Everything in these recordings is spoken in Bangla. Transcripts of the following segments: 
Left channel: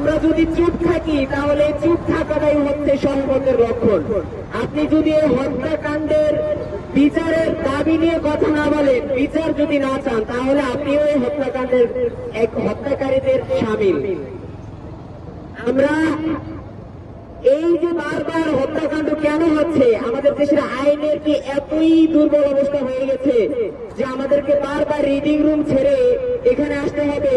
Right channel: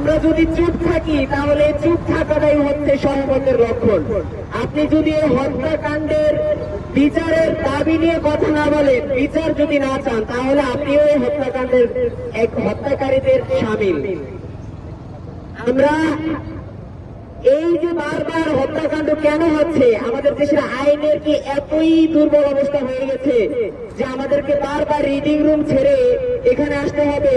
আমরা যদি চুপ থাকি তাহলে চুপ থাকাটাই হচ্ছে সম্পদের লক্ষণ। আপনি যদি হত্যাকাণ্ডের বিচারের দাবি নিয়ে কথা না বলেন, বিচার যদি না চান, তাহলে আপনিও এই হত্যাকাণ্ডের হত্যাকারীদের সামিল। আমরা এই যে বারবার হত্যাকাণ্ড কেন হচ্ছে, আমাদের দেশের আইনের কি এতই দুর্বল অবস্থা হয়ে গেছে যে আমাদেরকে বারবার রিডিং রুম ছেড়ে এখানে আসতে হবে,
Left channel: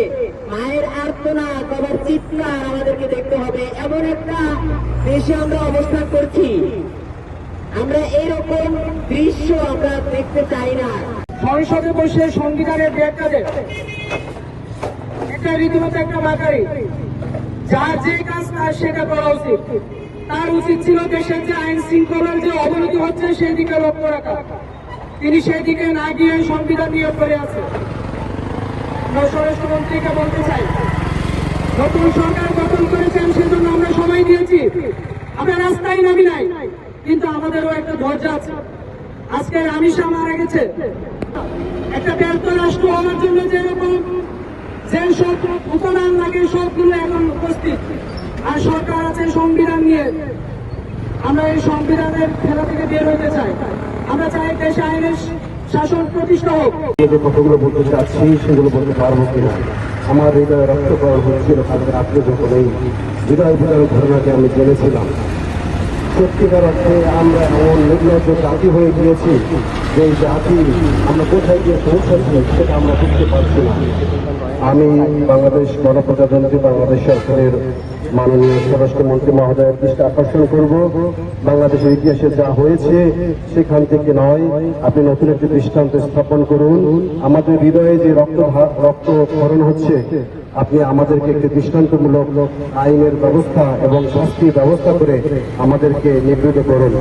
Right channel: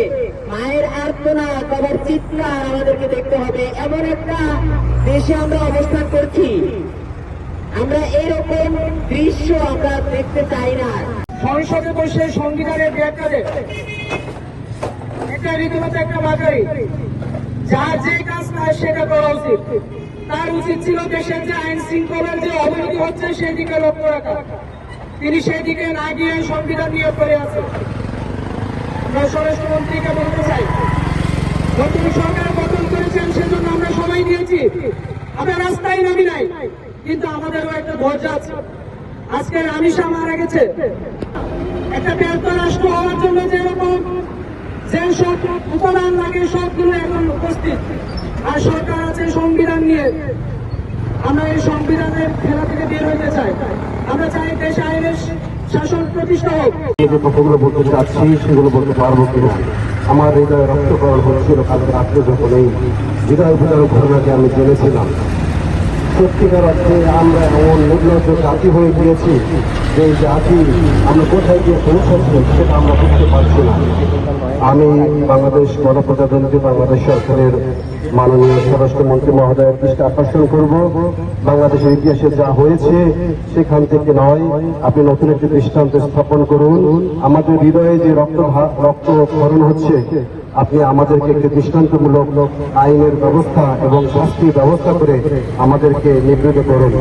মায়ের আর্তনাদ বাবার চিৎকার আমাদেরকে দেখতে হবে, এমন একটা দেশে আমরা অবস্থান করছি। আমরা এরকম দৃশ্য আমরা দেখতে চাই না। সংসদে বসে সংবিধানের ব্যাখ্যাতে একটা রীতিমতো একটা বাকারি, যার যে কাজ তার সেটা করা উচিত। তার উচিত ছিল দেশের যে আইন শৃঙ্খলার যে অবনতি হচ্ছে সেদিকে লক্ষ্য রাখা। তিনি সেদিকে না গিয়ে সংবিধান নিয়ে করে আছে। আমরা স্বরাষ্ট্রমন্ত্রীকে বলতে চাই, নতুন সরকার গঠন করেছেন সেজন্য আমরা সময় দিয়েছি, আমরা রাস্তায় নামি নাই, কিন্তু আমাদেরও একটা ধৈর্য আছে। আজকে রামিসা মারা গেছে, একটা ব্যর্থ রাষ্ট্র হওয়ার জন্য যেরকম যে সব উপাদান লাগে সবগুলো এখন উপস্থিত, আর সরকার আছে সংবিধান নিয়ে। আমরা এই সংবিধানের খেলা থেকে বের হতে চাই। আমরা চাই দেশে আইনের শাসন প্রতিষ্ঠা হোক। যে কথাগুলো বলতে চাচ্ছি সেগুলো বলতে পারবো কিনা, আমার হৃদয়ে রক্তকরণ হয়েছিল কালকে রাত্রে যখন এই হৃদয় ফেরার ঘটনাকে আমি জেনেছিলাম। সত্যিকার অর্থে আমরা এমন নির্লজ্জ জাতি হয়ে গিয়েছি যে এই জাতি আমরা কোথায় গিয়ে পৌঁছাচ্ছি সেটা আমরা বুঝতে পারছি না। আমি বাংলাদেশ গণপ্রজাতন্ত্রী বাংলাদেশ সরকারের মাননীয় স্বরাষ্ট্রমন্ত্রী মহোদয়ের দৃষ্টি আকর্ষণ করব, বাংলাদেশের ইতিহাসে যা হয়েছে সেখান থেকে নয়, আপনি নতুন একটি দৃষ্টান্ত স্থাপন করুন। আমাদের হৃদয়ে যে রক্তক্ষরণ হচ্ছে, আপনি আমাদেরকে একটি দৃষ্টান্তমূলক আইনের ব্যবস্থা এবং শাস্তির ব্যবস্থা করে আমাদেরকে নিবৃত করুন।